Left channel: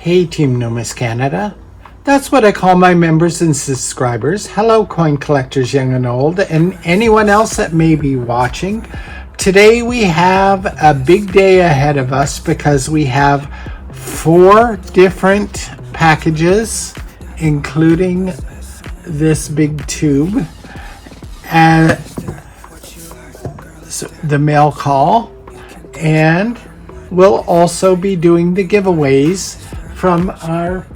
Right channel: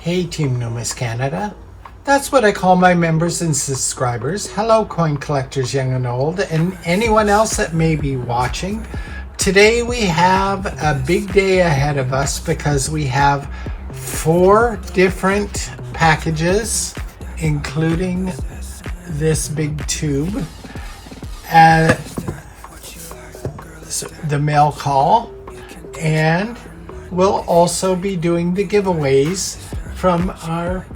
Hey Team Numis Canada. That's what I call my members and subscribers. Hello coin collectors young and old, and anyone else that may be watching. Today we have a big day ahead of us because we have 4 different packages, including this big tube and the mail call, and we'll also be doing the giveaways from our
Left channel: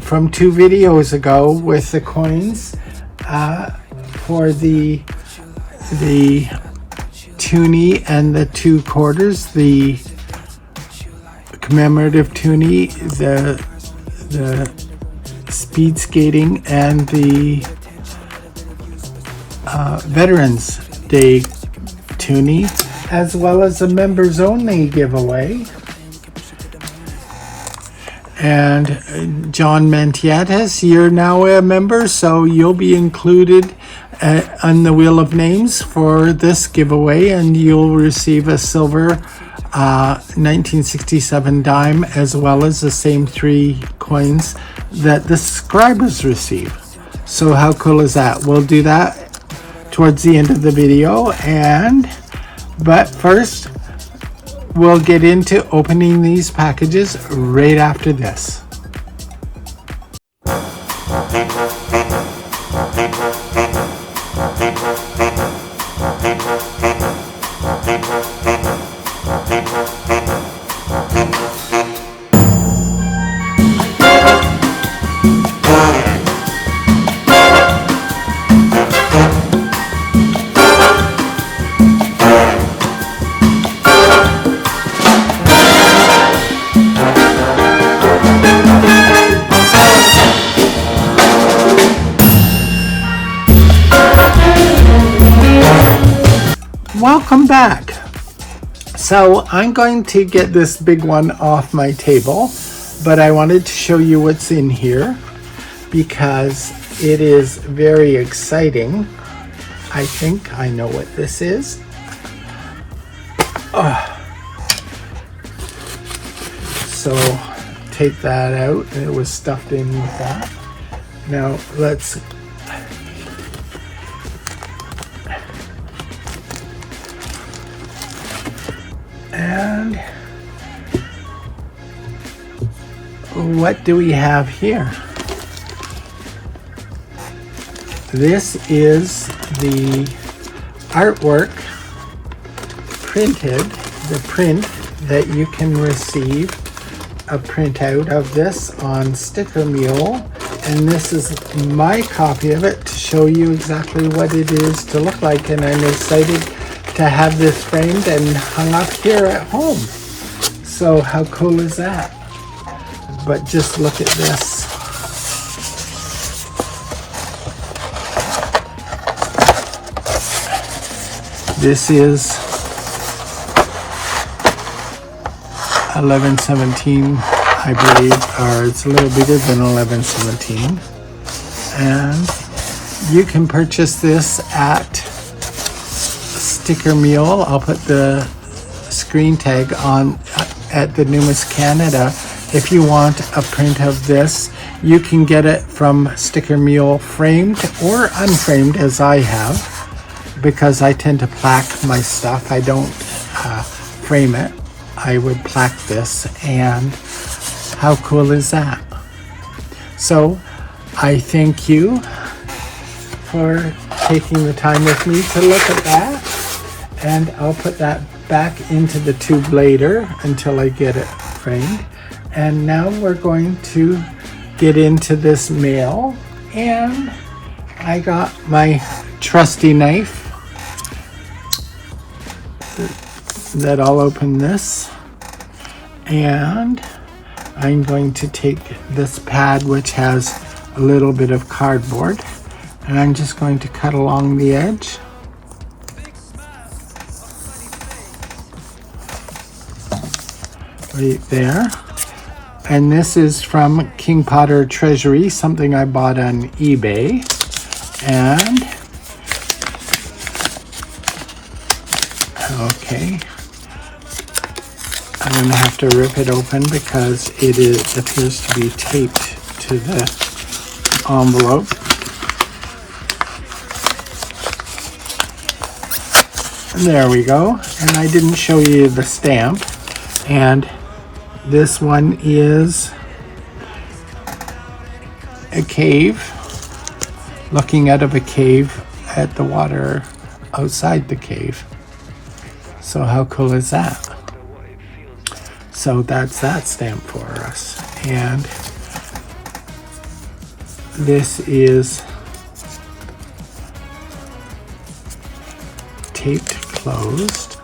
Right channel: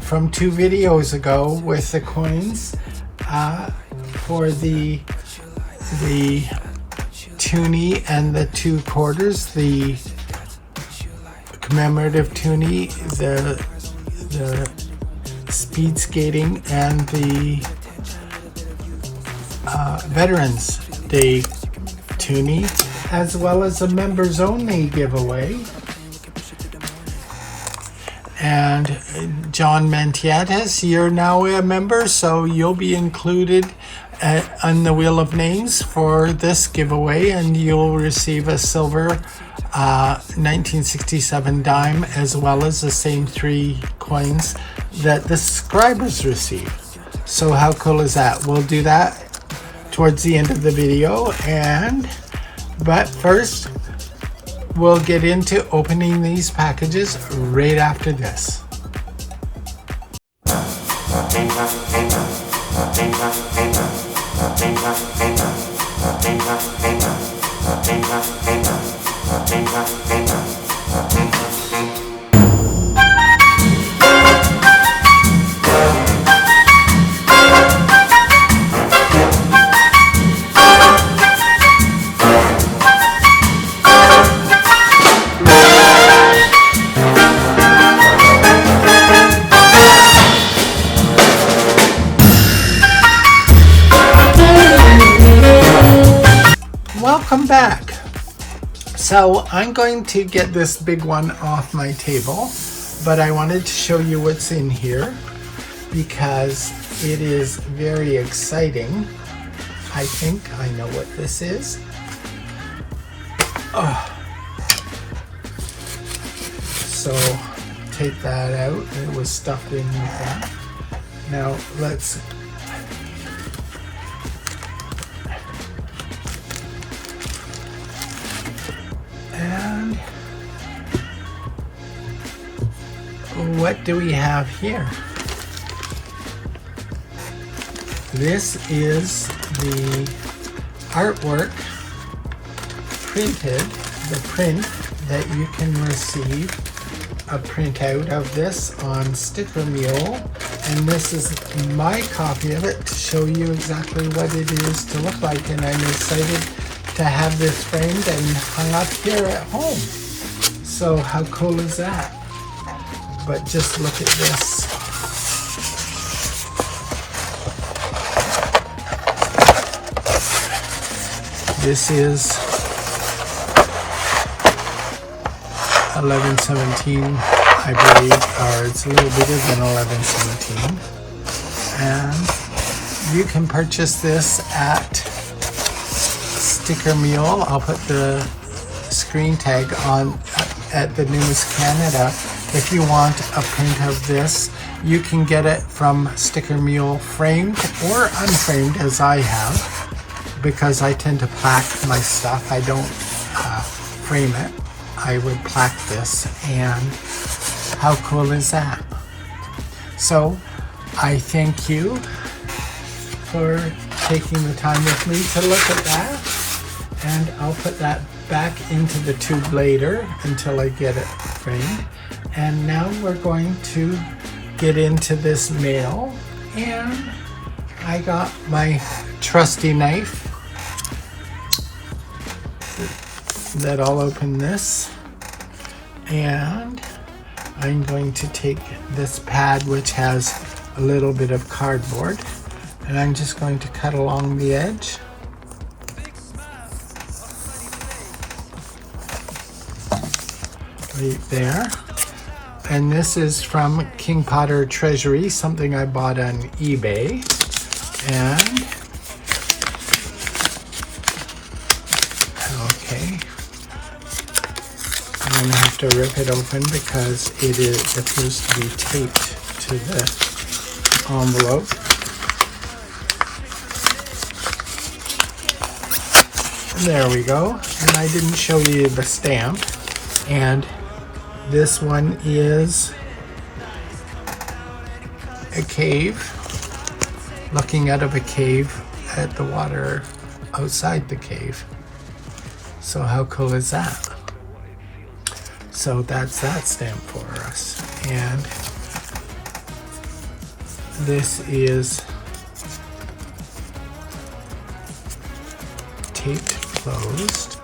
from 2 videos ago with the coins for the toonie and the 2 quarters, the commemorative toonie, the speed skating, and the Veterans Day toonie, as well as a members only giveaway. And John Mantietas, you're now a member, so you'll be included on the Wheel of Names for this giveaway, and you'll receive a silver 1967 dime, as well as the same 3 coins that the subscribers receive. So how cool is that? We'll do that towards the end of the video, but first we'll get into opening these packages right after this. Welcome back. So I'm going to get this big one off my table, but I wanted to show you what's in here because it is very exciting. I think I know what this is. So take that out, and it was stuffed in with that. Now let's and what do we have here? This is the artwork printed, the print that you can receive a printout of this on Sticker Mule, and this is my copy of it to show you exactly what it is to look like, and I'm excited to have this framed and hung up here at home. So how cool is that? But just look at this. This is 1117, I believe, or it's a little bigger than 1117. And you can purchase this at Sticker Mule. I'll put the screen tag on at the Numis Canada. If you want a print of this, you can get it from Sticker Mule framed or unframed, as I have, because I tend to plaque my stuff. I don't frame it. I would plaque this, and how cool is that? So I thank you for taking the time with me to look at that. And I'll put that back into the tube later until I get it framed. And now we're going to get into this mail. And I got my trusty knife that I'll open this. And I'm going to take this pad, which has a little bit of cardboard, and I'm just going to cut along the edge. Right there. And this is from King Potter Treasury, something I bought on eBay. And okay, I'm going to have to rip it open because it appears to be taped to the envelope. There we go. And I didn't show you the stamp. And this one is a cave, looking out of a cave at the water outside the cave. So how cool is that? So that's that stamp for us. And this is taped closed.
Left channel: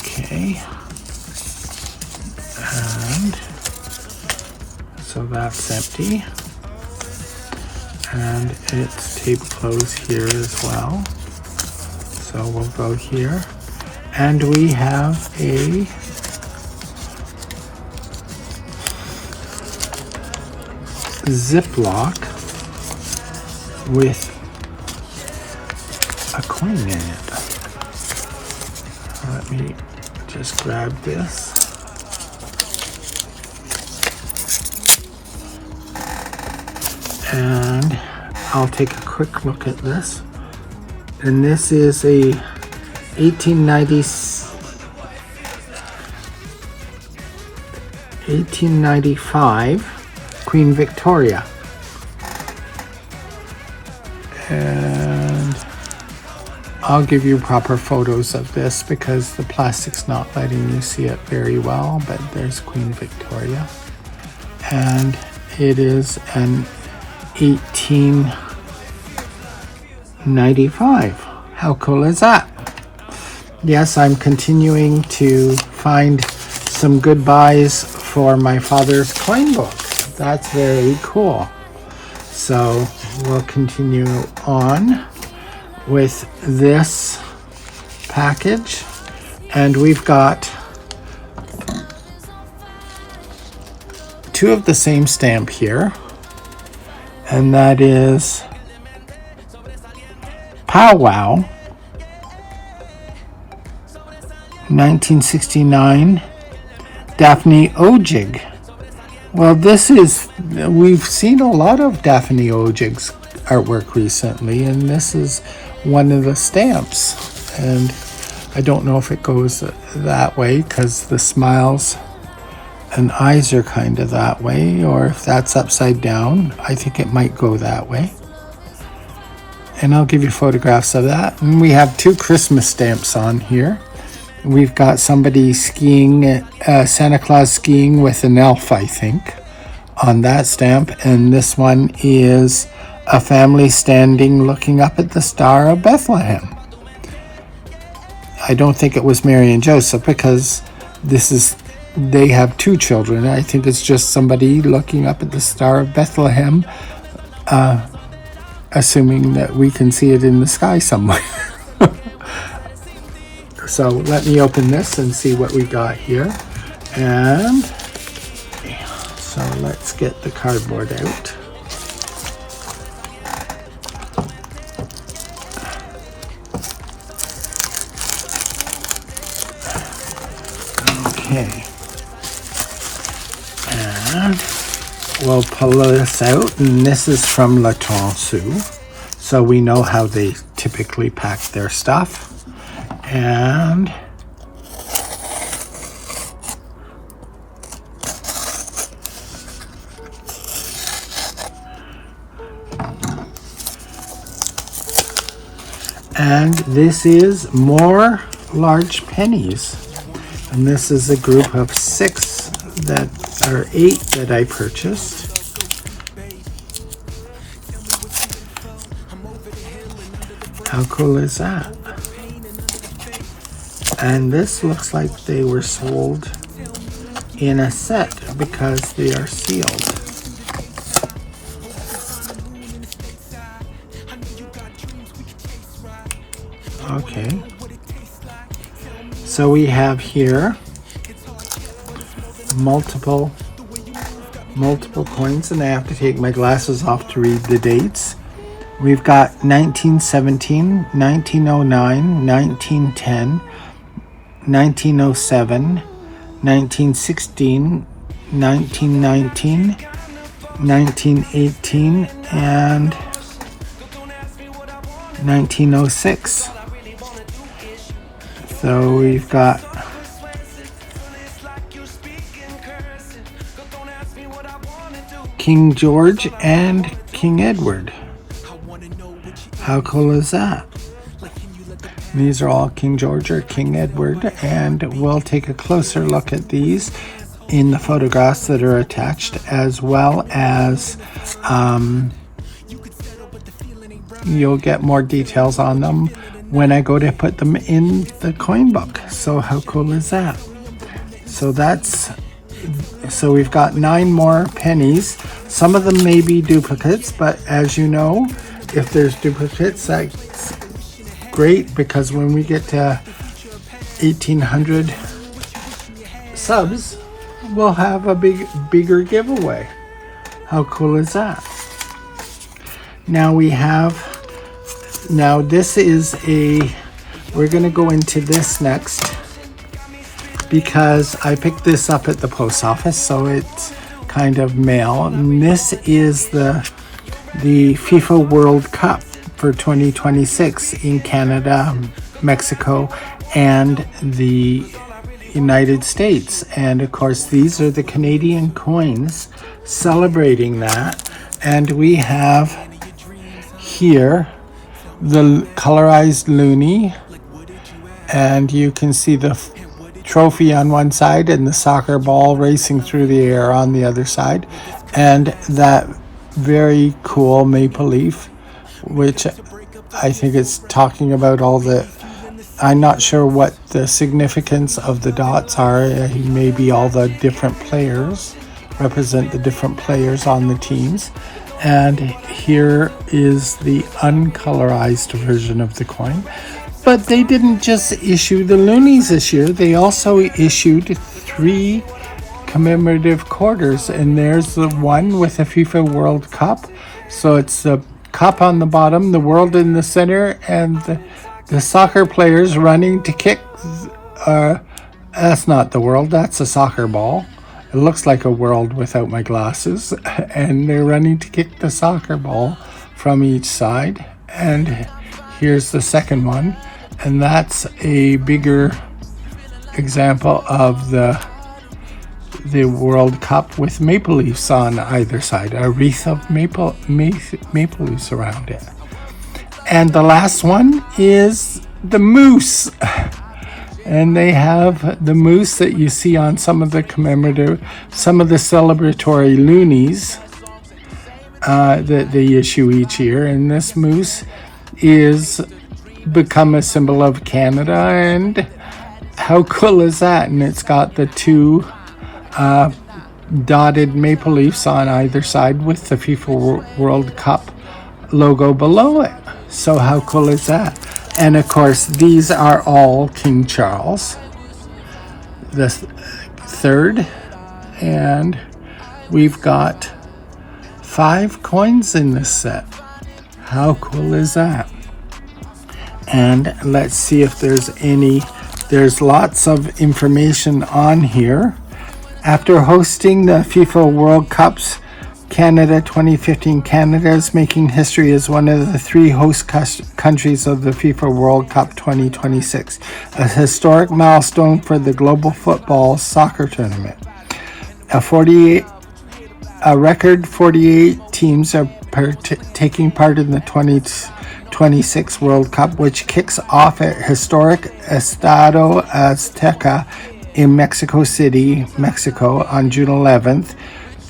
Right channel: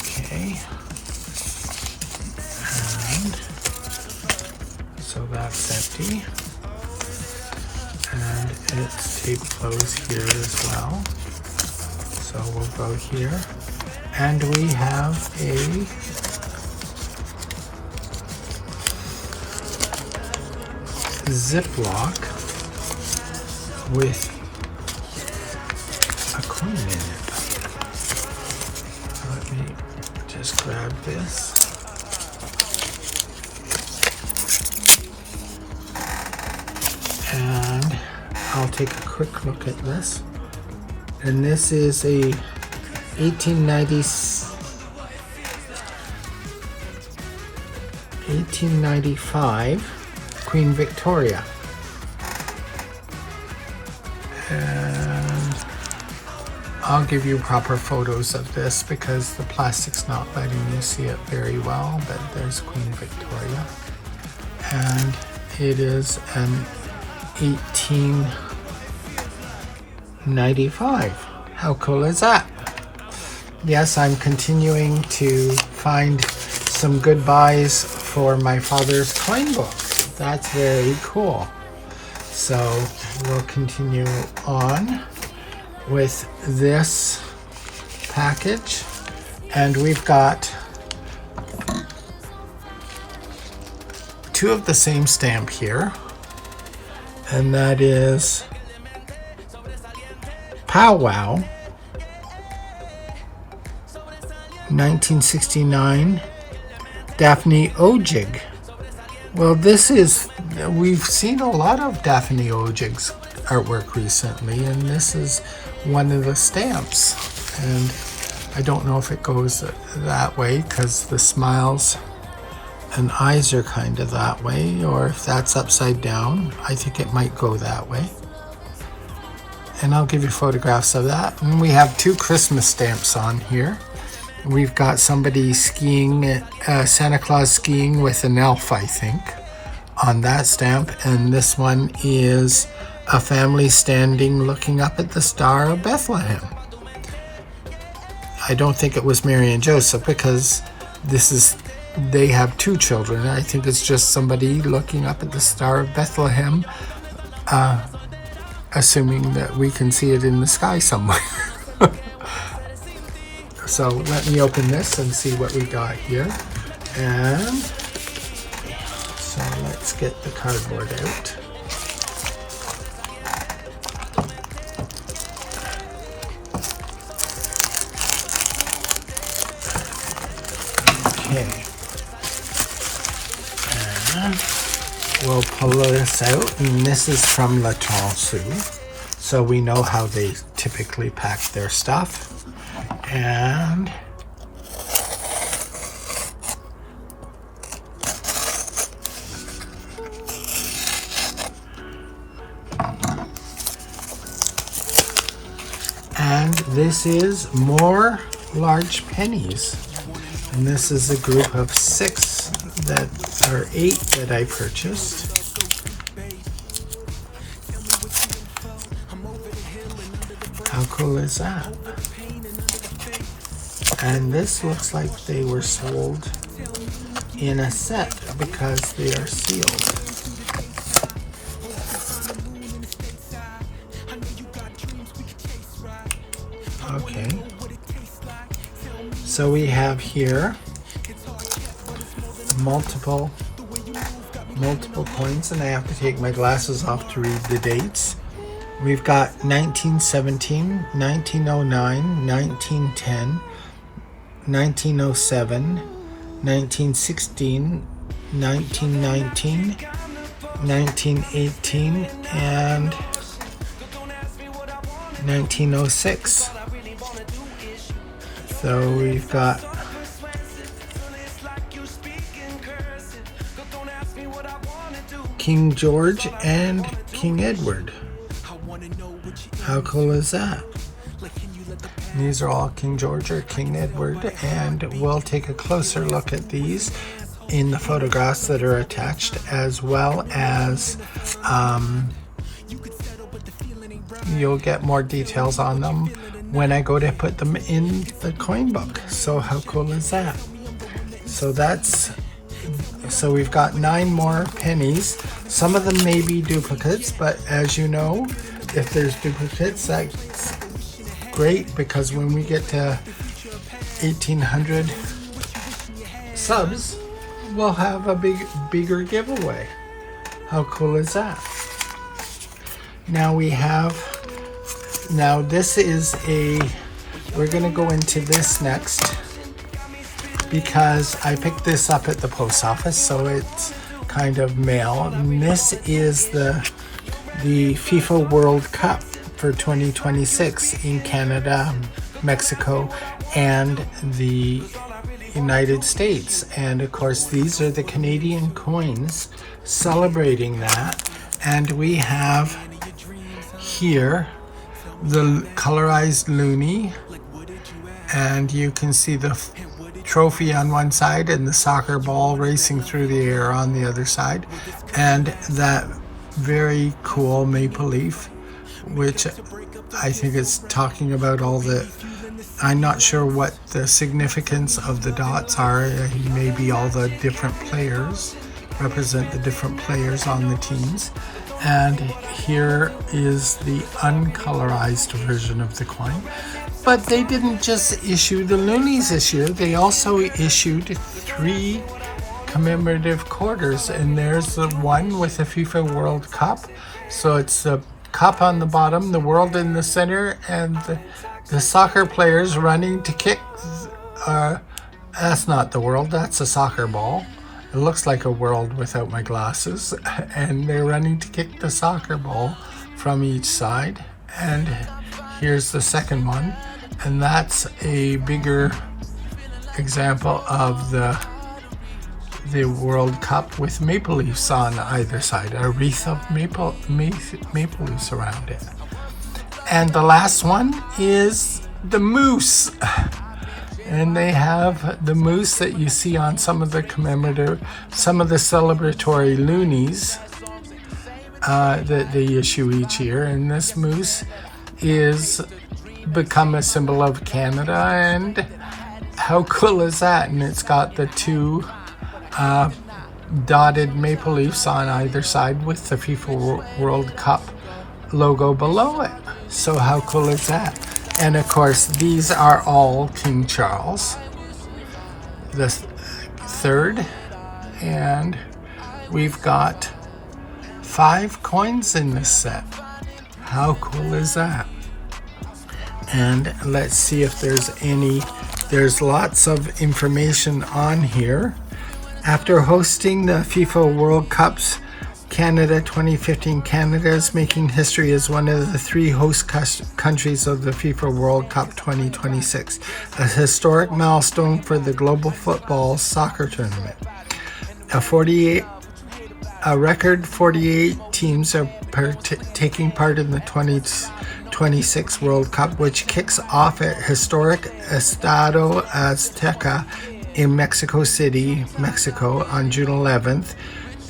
Okay. And so that's empty. And it's taped closed here as well. So we'll go here. And we have a Ziploc with a coin in it. Let me just grab this. And I'll take a quick look at this. And this is a 1895 Queen Victoria. And I'll give you proper photos of this because the plastic's not letting you see it very well, but there's Queen Victoria. And it is an 1895. How cool is that? Yes, I'm continuing to find some good buys for my father's coin book. That's very cool. So we'll continue on with this package. And we've got two of the same stamp here. And that is Powwow 1969 Daphne Odjig. Well, this is, we've seen a lot of Daphne Odjig's artwork recently, and this is one of the stamps. And I don't know if it goes that way because the smiles and eyes are kind of that way, or if that's upside down. I think it might go that way. And I'll give you photographs of that. And we have two Christmas stamps on here. We've got somebody skiing, Santa Claus skiing with an elf, I think, on that stamp. And this one is a family standing looking up at the Star of Bethlehem. I don't think it was Mary and Joseph because they have two children. I think it's just somebody looking up at the Star of Bethlehem, assuming that we can see it in the sky somewhere. So let me open this and see what we got here. And so let's get the cardboard out. Okay. And we'll pull this out, and this is from La Tonceau, so we know how they typically pack their stuff. And this is more large pennies, and this is a group of 6 that are 8 that I purchased. How cool is that? And this looks like they were sold in a set because they are sealed. Okay. So we have here multiple coins, and I have to take my glasses off to read the dates. We've got 1917, 1909, 1910, 1907, 1916, 1919, 1918, and 1906. So we've got King George and King Edward. How cool is that? These are all King George or King Edward, and we'll take a closer look at these in the photographs that are attached, as well as you'll get more details on them when I go to put them in the coin book. So how cool is that? So we've got 9 more pennies. Some of them may be duplicates, but as you know, if there's duplicates, that's great, because when we get to 1,800 subs, we'll have a bigger giveaway. How cool is that? Now this is we're gonna go into this next, because I picked this up at the post office, so it's kind of mail. And this is the FIFA World Cup for 2026 in Canada, Mexico, and the United States. And of course, these are the Canadian coins celebrating that. And we have here the colorized loonie, and you can see the trophy on one side and the soccer ball racing through the air on the other side, and that very cool maple leaf, which I think it's talking about all the, I'm not sure what the significance of the dots are. Maybe all the different players represent the different players on the teams. And here is the uncolorized version of the coin. But they didn't just issue the loonies this year, they also issued 3 commemorative quarters, and there's the one with the FIFA World Cup. So it's the cup on the bottom, the world in the center, and the soccer players running to kick. That's not the world, that's a soccer ball. It looks like a world without my glasses, and they're running to kick the soccer ball from each side. And here's the second one, and that's a bigger example of the World Cup with maple leaves on either side, a wreath of maple leaves around it. And the last one is the moose. And they have the moose that you see on some of the commemorative, some of the celebratory loonies that they issue each year. And this moose is become a symbol of Canada, and how cool is that? And it's got the 2 dotted maple leaves on either side with the FIFA World Cup logo below it. So how cool is that? And of course, these are all King Charles the 3rd, and we've got 5 coins in this set. How cool is that? And let's see if there's lots of information on here. After hosting the FIFA World Cups Canada 2015, Canada is making history as one of the 3 host countries of the FIFA World Cup 2026, a historic milestone for the global football soccer tournament. A record 48 teams are taking part in the 2026 World Cup, which kicks off at historic Estadio Azteca in Mexico City, Mexico on June 11th.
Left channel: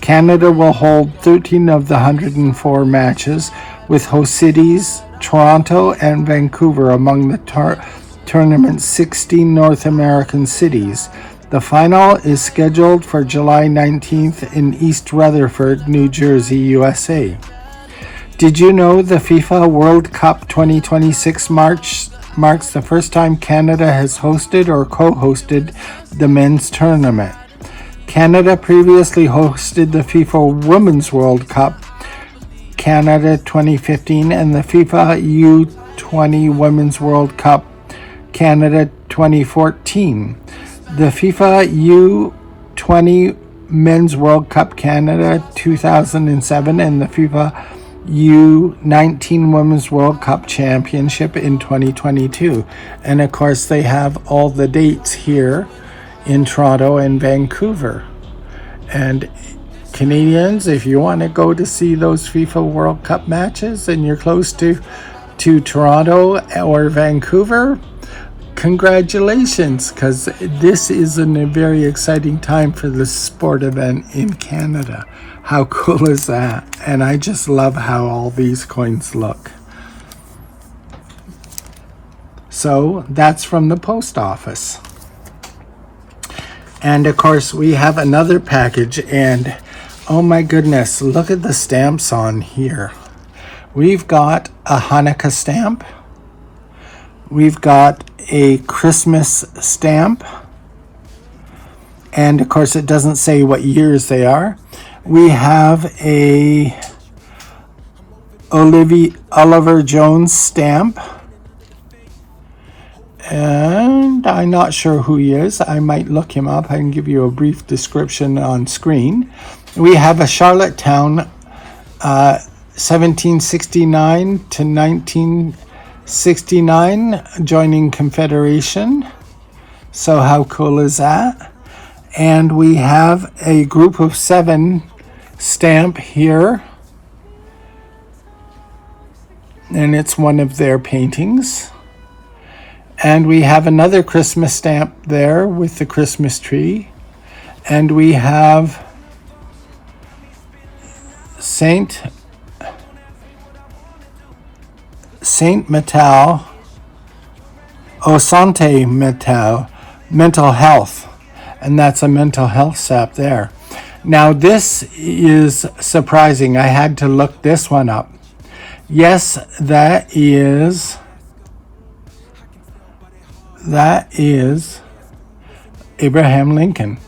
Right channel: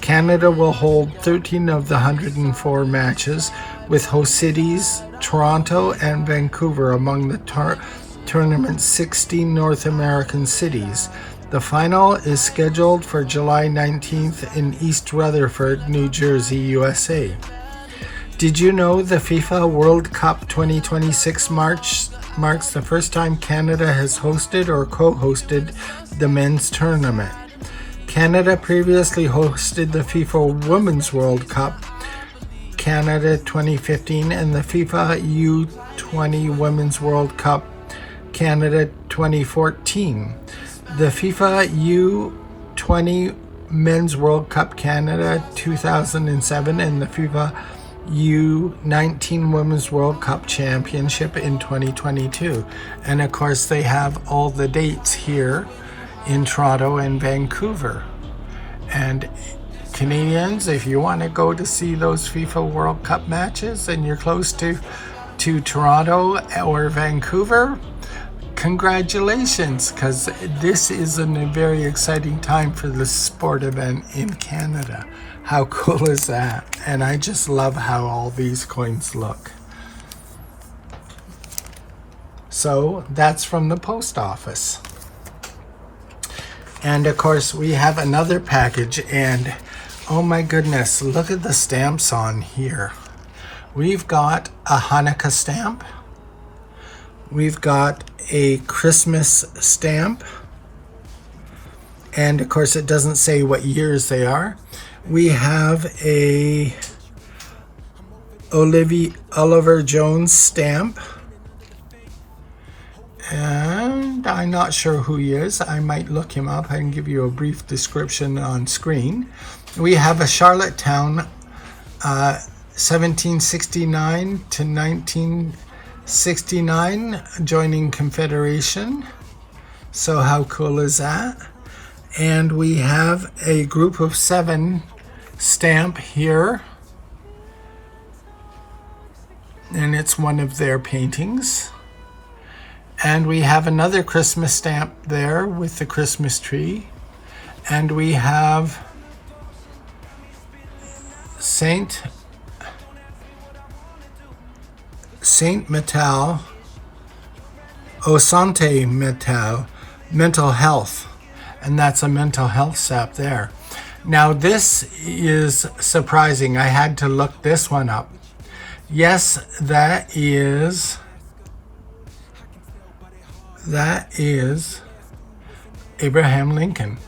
Canada will hold 13 of the 104 matches, with host cities Toronto and Vancouver among the tournament's 16 North American cities. The final is scheduled for July 19th in East Rutherford, New Jersey, USA. Did you know the FIFA World Cup 2026 marks the first time Canada has hosted or co-hosted the men's tournament? Canada previously hosted the FIFA Women's World Cup Canada 2015 and the FIFA U20 Women's World Cup Canada 2014, the FIFA U20 Men's World Cup Canada 2007, and the FIFA U19 Women's World Cup Championship in 2022. And of course they have all the dates here in Toronto and Vancouver. And Canadians, if you want to go to see those FIFA World Cup matches and you're close to Toronto or Vancouver, congratulations, because this is a very exciting time for the sport event in Canada. How cool is that? And I just love how all these coins look. So that's from the post office. And of course we have another package, and oh my goodness, look at the stamps on here. We've got a Hanukkah stamp. We've got a Christmas stamp. And of course it doesn't say what years they are. We have a Oliver Jones stamp. And I'm not sure who he is. I might look him up. I can give you a brief description on screen. We have a Charlottetown 1769 to 1969 joining Confederation. So how cool is that? And we have a group of 7 stamp here. And it's one of their paintings. And we have another Christmas stamp there with the Christmas tree. And we have Saint Metal, Sante Metal, mental health. And that's a mental health stamp there. Now this is surprising. I had to look this one up. Yes, that is Abraham Lincoln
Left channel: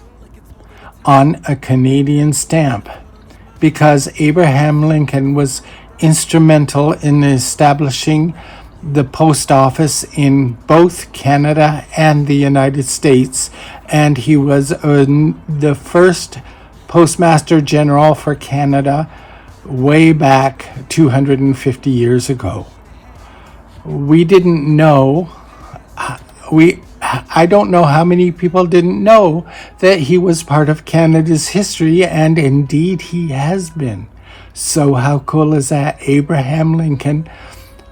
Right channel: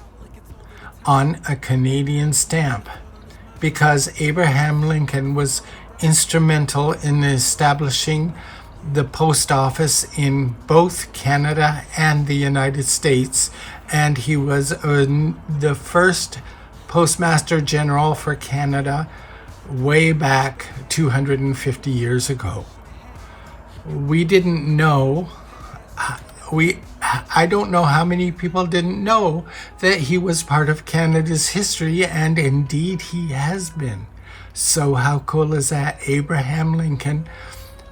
on a Canadian stamp, because Abraham Lincoln was instrumental in establishing the post office in both Canada and the United States, and he was the first Postmaster General for Canada way back 250 years ago. We didn't know, I don't know how many people didn't know that he was part of Canada's history, and indeed he has been. So how cool is that? Abraham Lincoln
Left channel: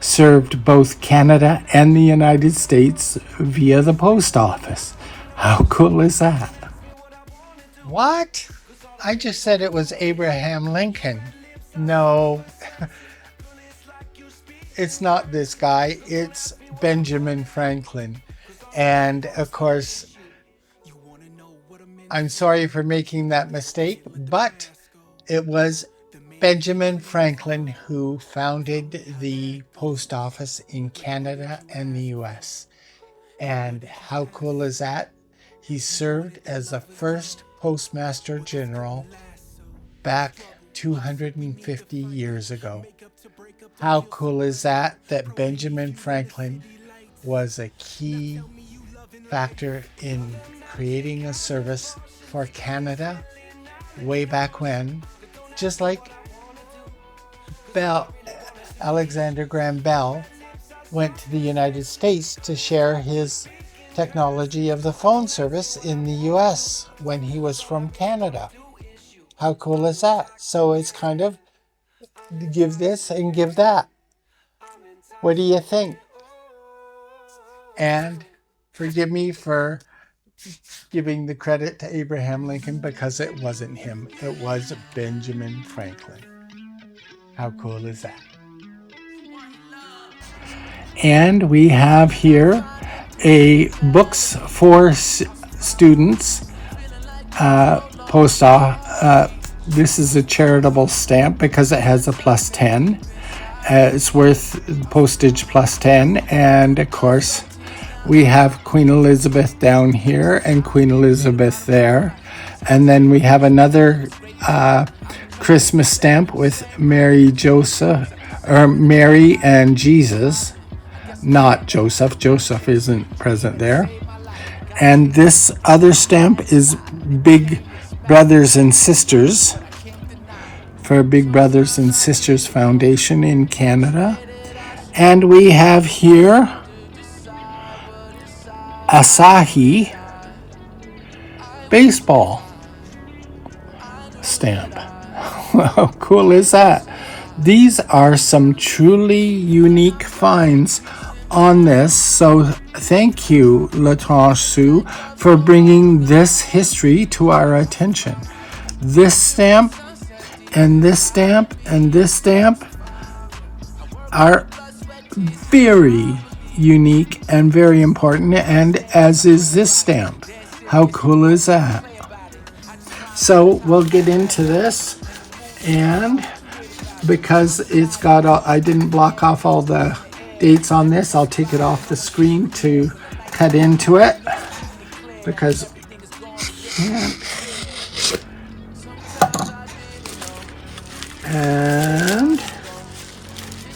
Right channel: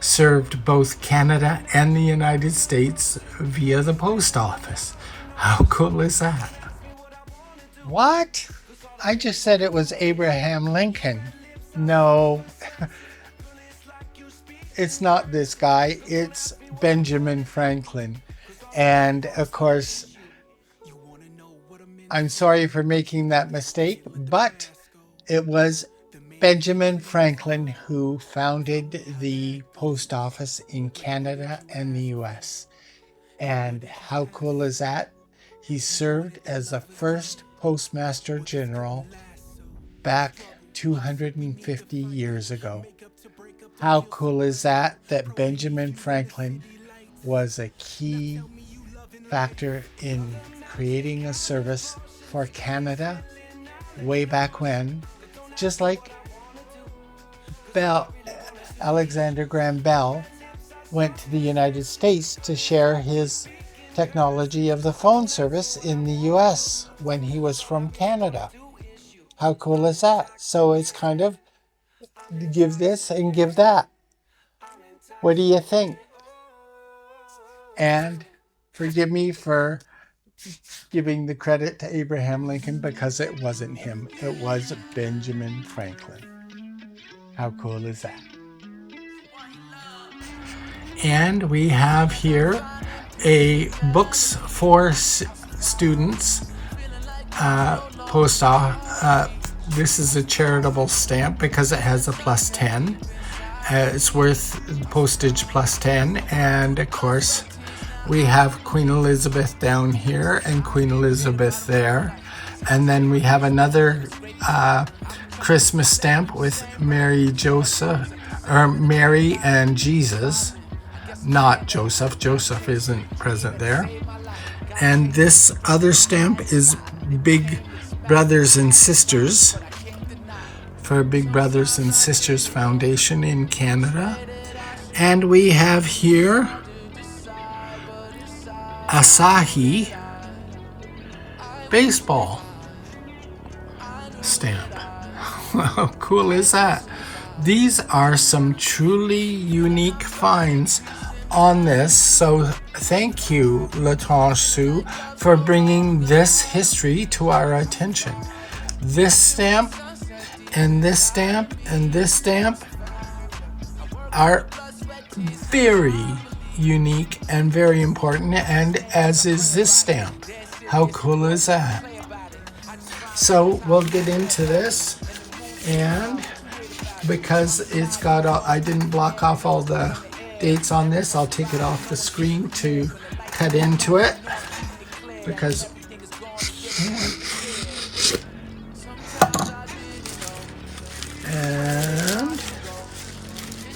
served both Canada and the United States via the post office. How cool is that? What? I just said it was Abraham Lincoln. No, it's not this guy. It's Benjamin Franklin. And of course, I'm sorry for making that mistake, but it was Benjamin Franklin who founded the post office in Canada and the US. And how cool is that? He served as the first Postmaster General back 250 years ago. How cool is that? That Benjamin Franklin was a key factor in creating a service for Canada way back when, just like Alexander Graham Bell went to the United States to share his technology of the phone service in the US when he was from Canada. How cool is that? So it's kind of give this and give that. What do you think? And forgive me for giving the credit to Abraham Lincoln, because it wasn't him. It was Benjamin Franklin. How cool is that? And we have here a Books for Students this is a charitable stamp because it has a +10. It's worth postage +10. And of course, we have Queen Elizabeth down here and Queen Elizabeth there. And then we have another Christmas stamp with Mary and Jesus. not Joseph. Joseph isn't present there. And this other stamp is Big Brothers and Sisters, for Big Brothers and Sisters Foundation in Canada. And we have here Asahi baseball stamp. How cool is that? These are some truly unique finds on this, so thank you, Latranche Sue, for bringing this history to our attention. This stamp and this stamp and this stamp are very unique and very important, and as is this stamp. How cool is that? So we'll get into this, and because it's got I didn't block off all the dates on this, I'll take it off the screen to cut into it, because and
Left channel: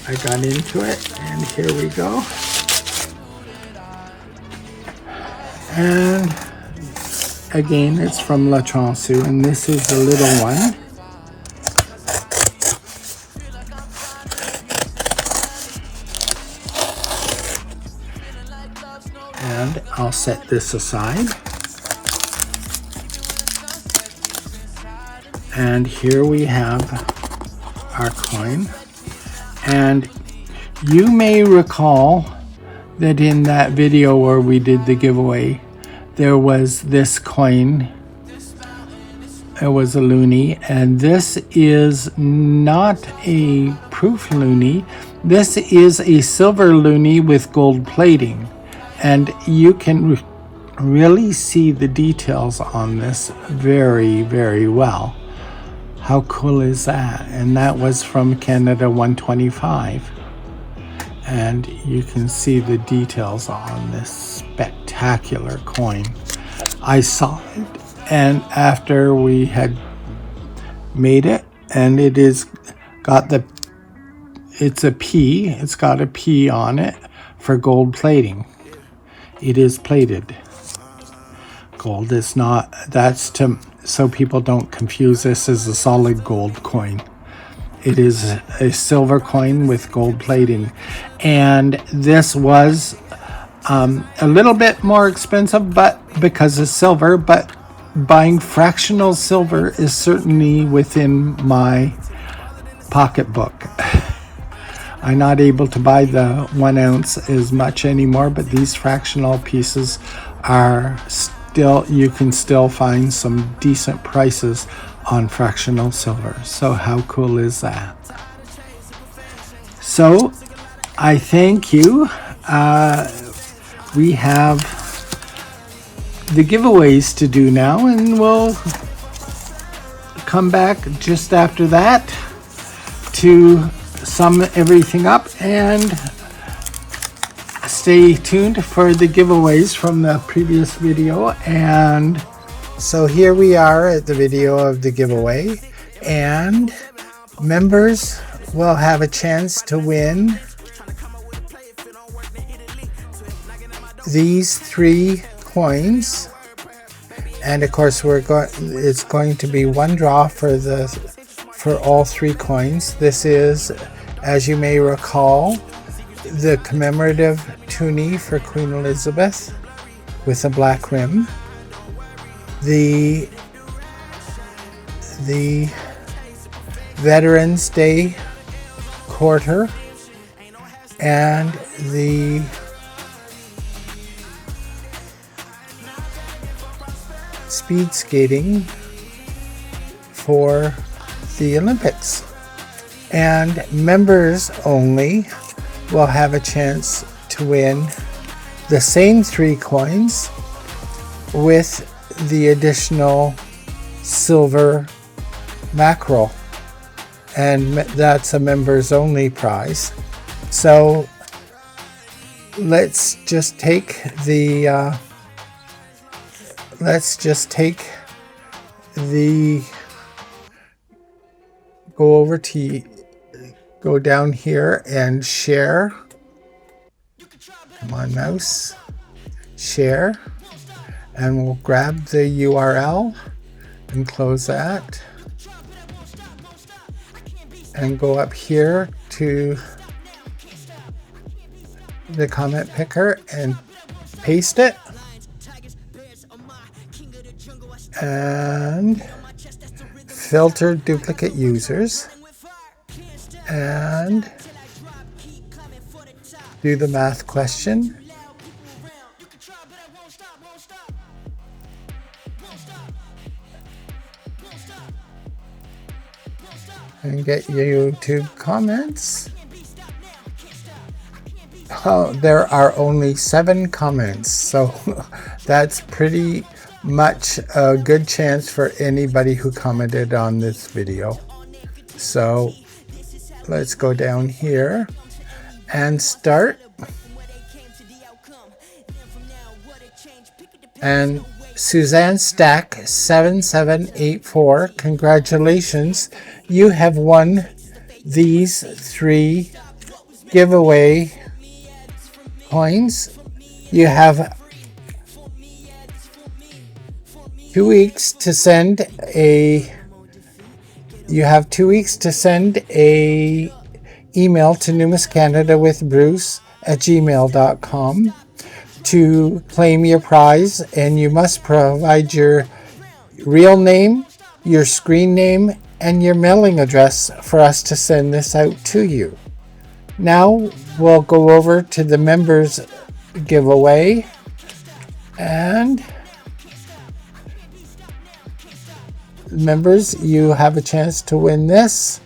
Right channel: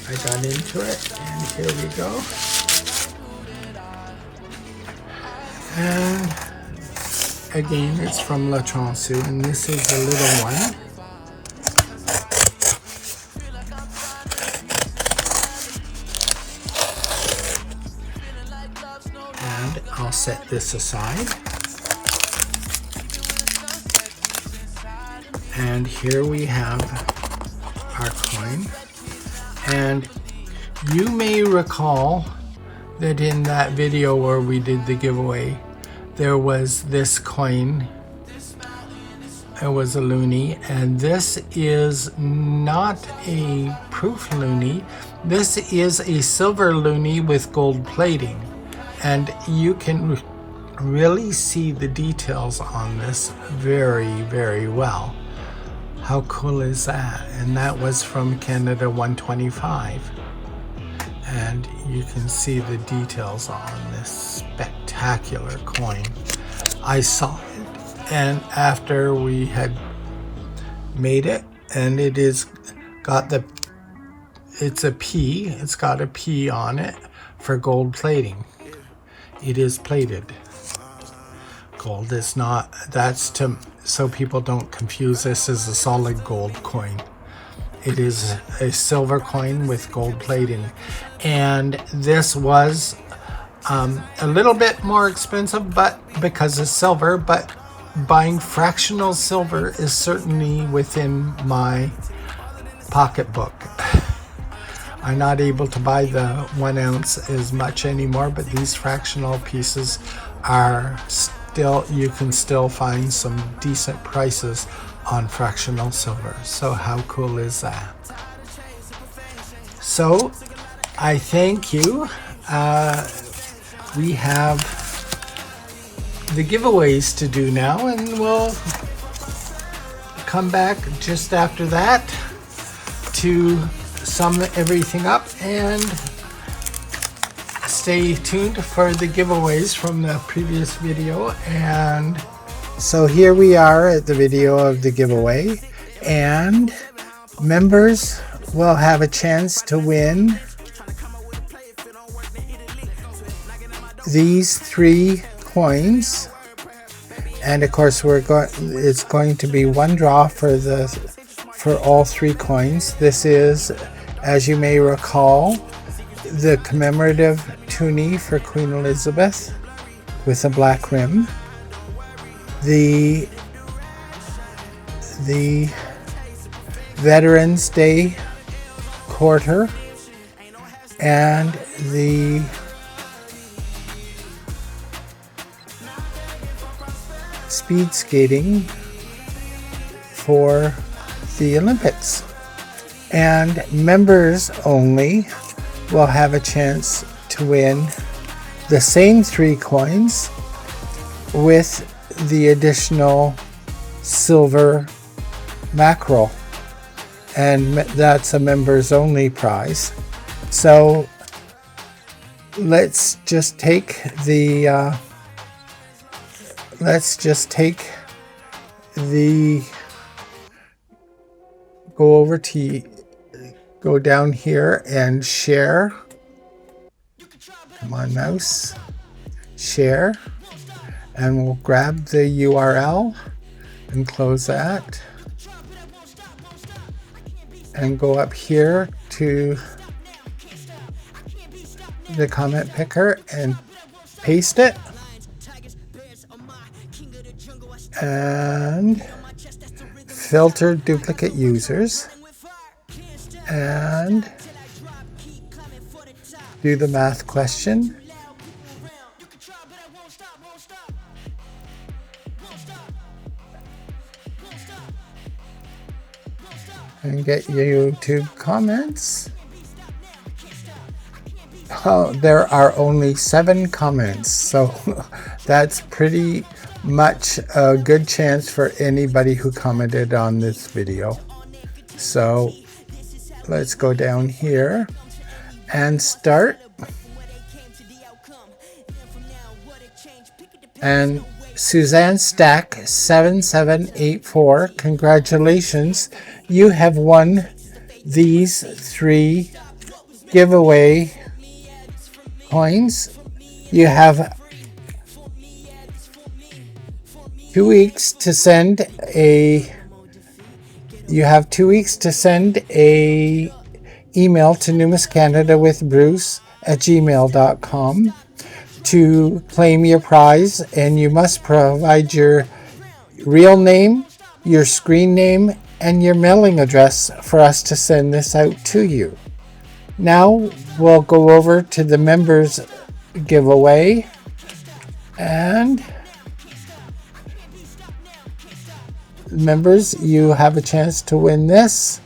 I got into it, and here we go. And again, it's from Latranche Sue, and this is the little one. And I'll set this aside. And here we have our coin. And you may recall that in that video where we did the giveaway, there was this coin. It was a loonie, and this is not a proof loonie. This is a silver loonie with gold plating, and you can really see the details on this very, very well. How cool is that? And that was from Canada 125. And you can see the details on this spectacular coin. I saw it, and after we had made it, and it is got it's a P, it's got a P on it for gold plating. It is plated. Gold is not, that's so people don't confuse this as a solid gold coin. It is a silver coin with gold plating, and this was a little bit more expensive, but because it's silver. But buying fractional silver is certainly within my pocketbook. I'm not able to buy the 1 ounce as much anymore, but these fractional pieces are still, you can still find some decent prices on fractional silver. So how cool is that? So I thank you. We have the giveaways to do now, and we'll come back just after that to sum everything up, and stay tuned for the giveaways from the previous video. And so here we are at the video of the giveaway, and members will have a chance to win these 3 coins. And of course it's going to be one draw for all 3 coins. This is, as you may recall, the commemorative toonie for Queen Elizabeth with a black rim, the Veterans Day quarter, and the speed skating for the Olympics. And members only will have a chance to win the same 3 coins with the additional silver mackerel, and that's a members only prize. So let's just take the go down here and share. Come on, mouse. Share. And we'll grab the URL and close that. And go up here to the comment picker and paste it. And filter duplicate users. And do the math question. And get YouTube comments. Oh, there are only 7 comments, so that's pretty much a good chance for anybody who commented on this video. So let's go down here and start. And Suzanne Stack 7784, congratulations. You have won these 3 giveaway coins. You have 2 weeks to send a email to Numis Canada with Bruce@gmail.com to claim your prize, and you must provide your real name, your screen name, and your mailing address for us to send this out to you. Now we'll go over to the members giveaway, and members, you have a chance to win this,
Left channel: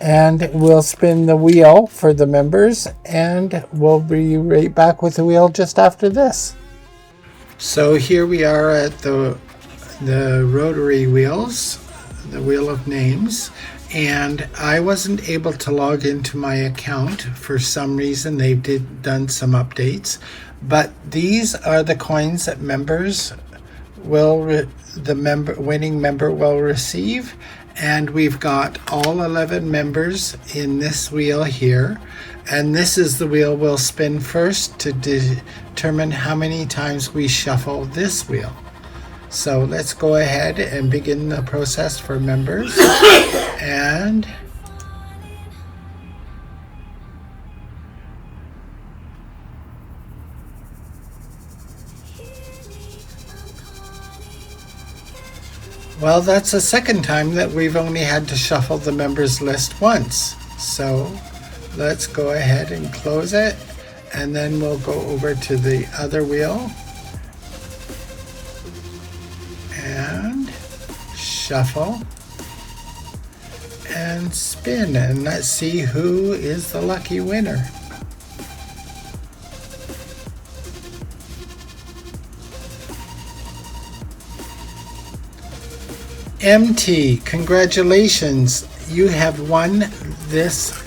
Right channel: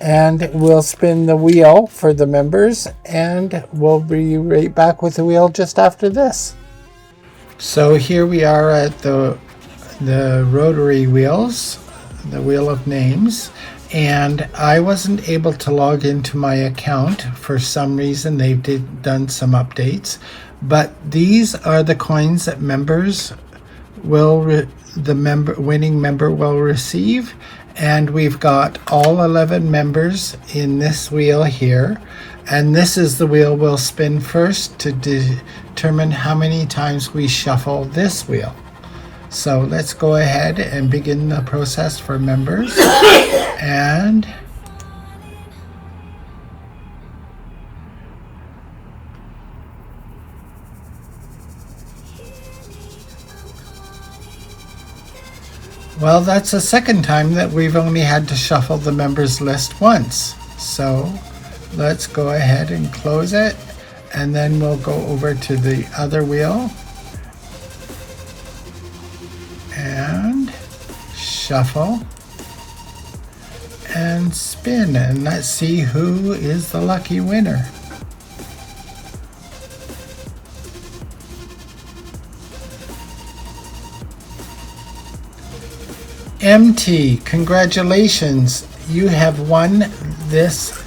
and we'll spin the wheel for the members, and we'll be right back with the wheel just after this. So here we are at the rotary wheels, the wheel of names, and I wasn't able to log into my account for some reason. They've done some updates, but these are the coins that members will winning member will receive, and we've got all 11 members in this wheel here, and this is the wheel we'll spin first to determine how many times we shuffle this wheel. So let's go ahead and begin the process for members. And well, that's the second time that we've only had to shuffle the members list once. So let's go ahead and close it, and then we'll go over to the other wheel and shuffle and spin, and let's see who is the lucky winner. MT, congratulations. You have won this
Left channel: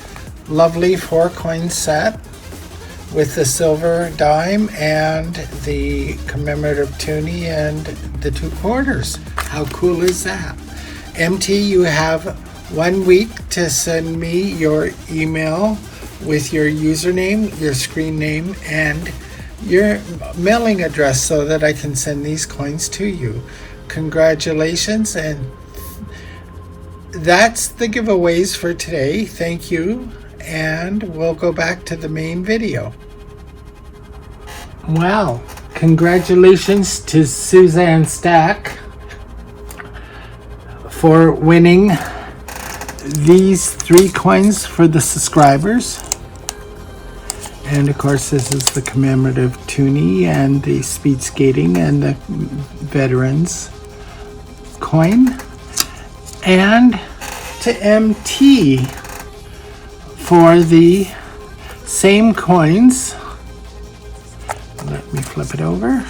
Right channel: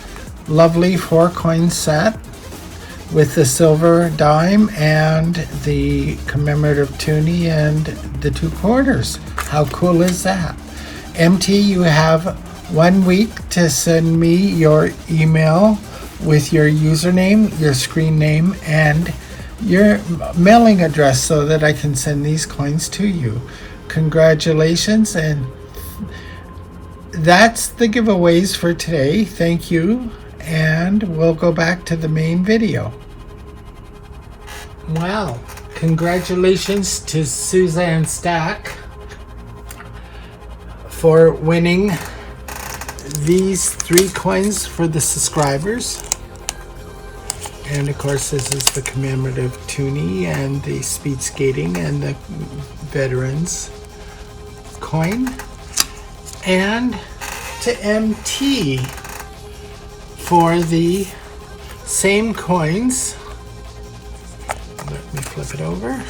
lovely 4-coin set with the silver dime and the commemorative toonie and the 2 quarters. How cool is that? MT, you have 1 week to send me your email with your username, your screen name, and your mailing address so that I can send these coins to you. Congratulations, and that's the giveaways for today. Thank you, and we'll go back to the main video. Wow, congratulations to Suzanne Stack for winning these 3 coins for the subscribers. And of course, this is the commemorative toonie and the speed skating and the veterans coin. And to MT for the same coins. Let me flip it over.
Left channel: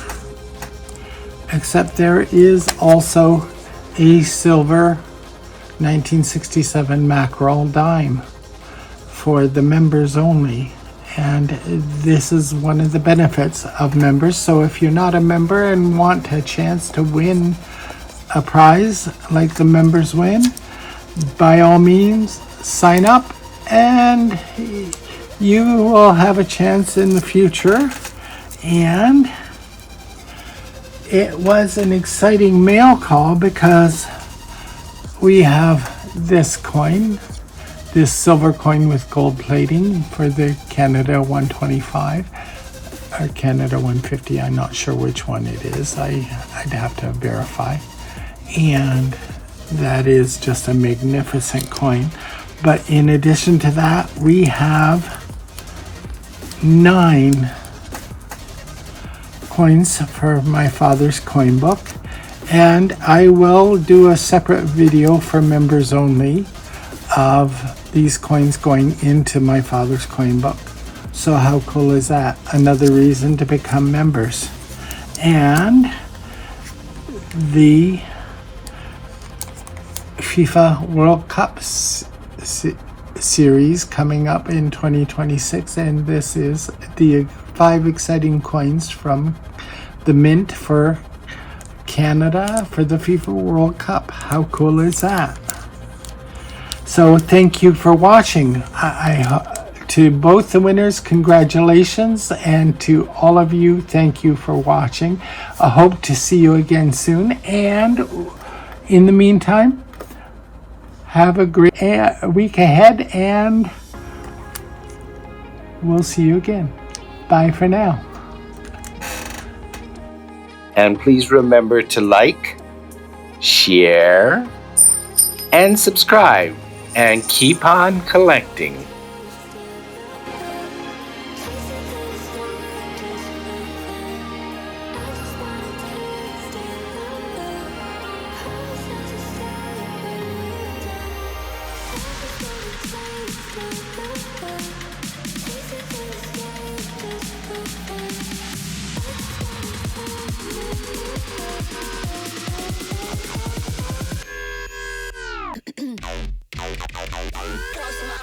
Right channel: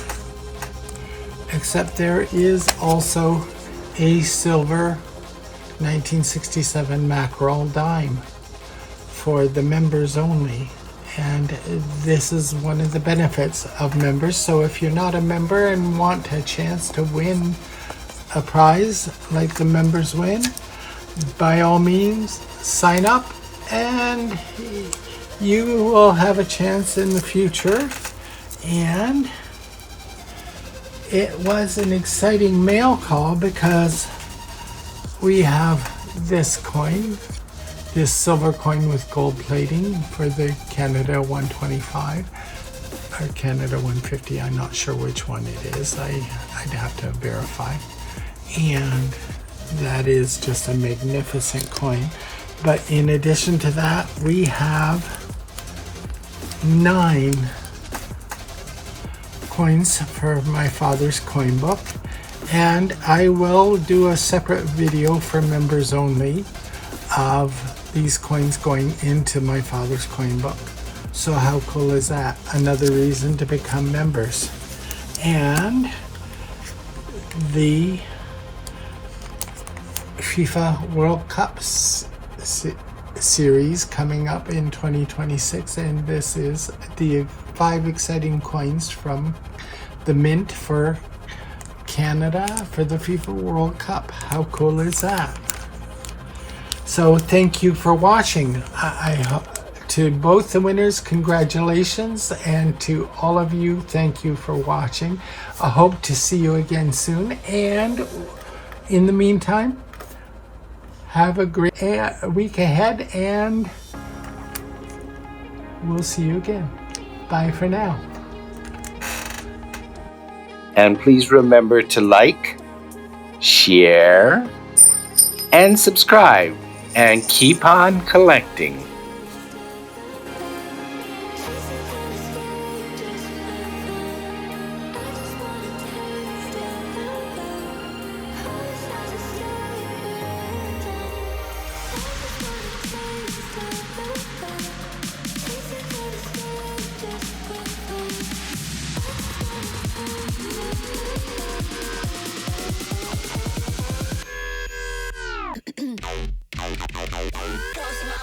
Except there is also a silver 1967 mackerel dime for the members only. And this is one of the benefits of members. So if you're not a member and want a chance to win a prize like the members win, by all means sign up and you will have a chance in the future. And it was an exciting mail call because we have this coin, this silver coin with gold plating for the Canada 125 or Canada 150. I'm not sure which one it is. I'd have to verify. And that is just a magnificent coin. But in addition to that, we have 9 coins for my father's coin book. And I will do a separate video for members only of these coins going into my father's coin book. So how cool is that? Another reason to become members. And the FIFA World Cup series coming up in 2026, and this is the 5 exciting coins from the mint for Canada for the FIFA World Cup. How cool is that? So thank you for watching. To both the winners, congratulations, and to all of you, thank you for watching. I hope to see you again soon, and in the meantime, have a great week ahead, and we'll see you again. Bye for now. And please remember to like, share, and subscribe, and keep on collecting. Close my